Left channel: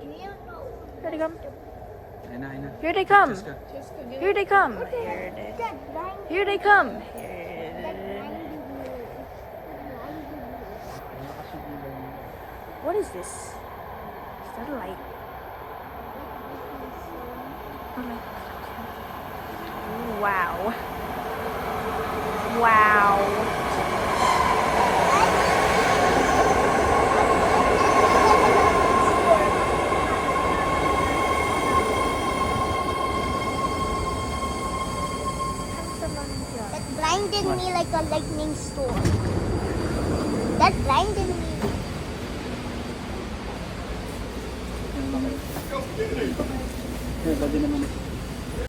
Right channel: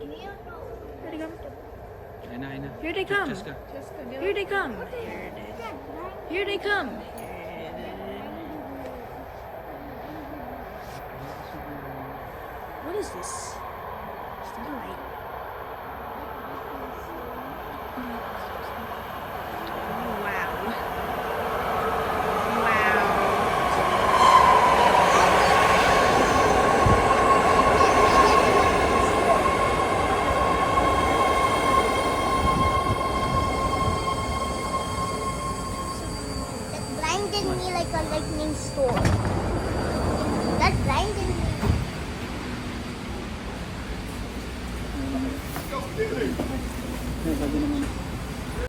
Here they come. Ayun na. Here they come. Just ka. Here they come. Here they come. What is this? Is that a light? Wow. Wow. That blinded me like a lightning storm. That blinded me. Here, sabi naman.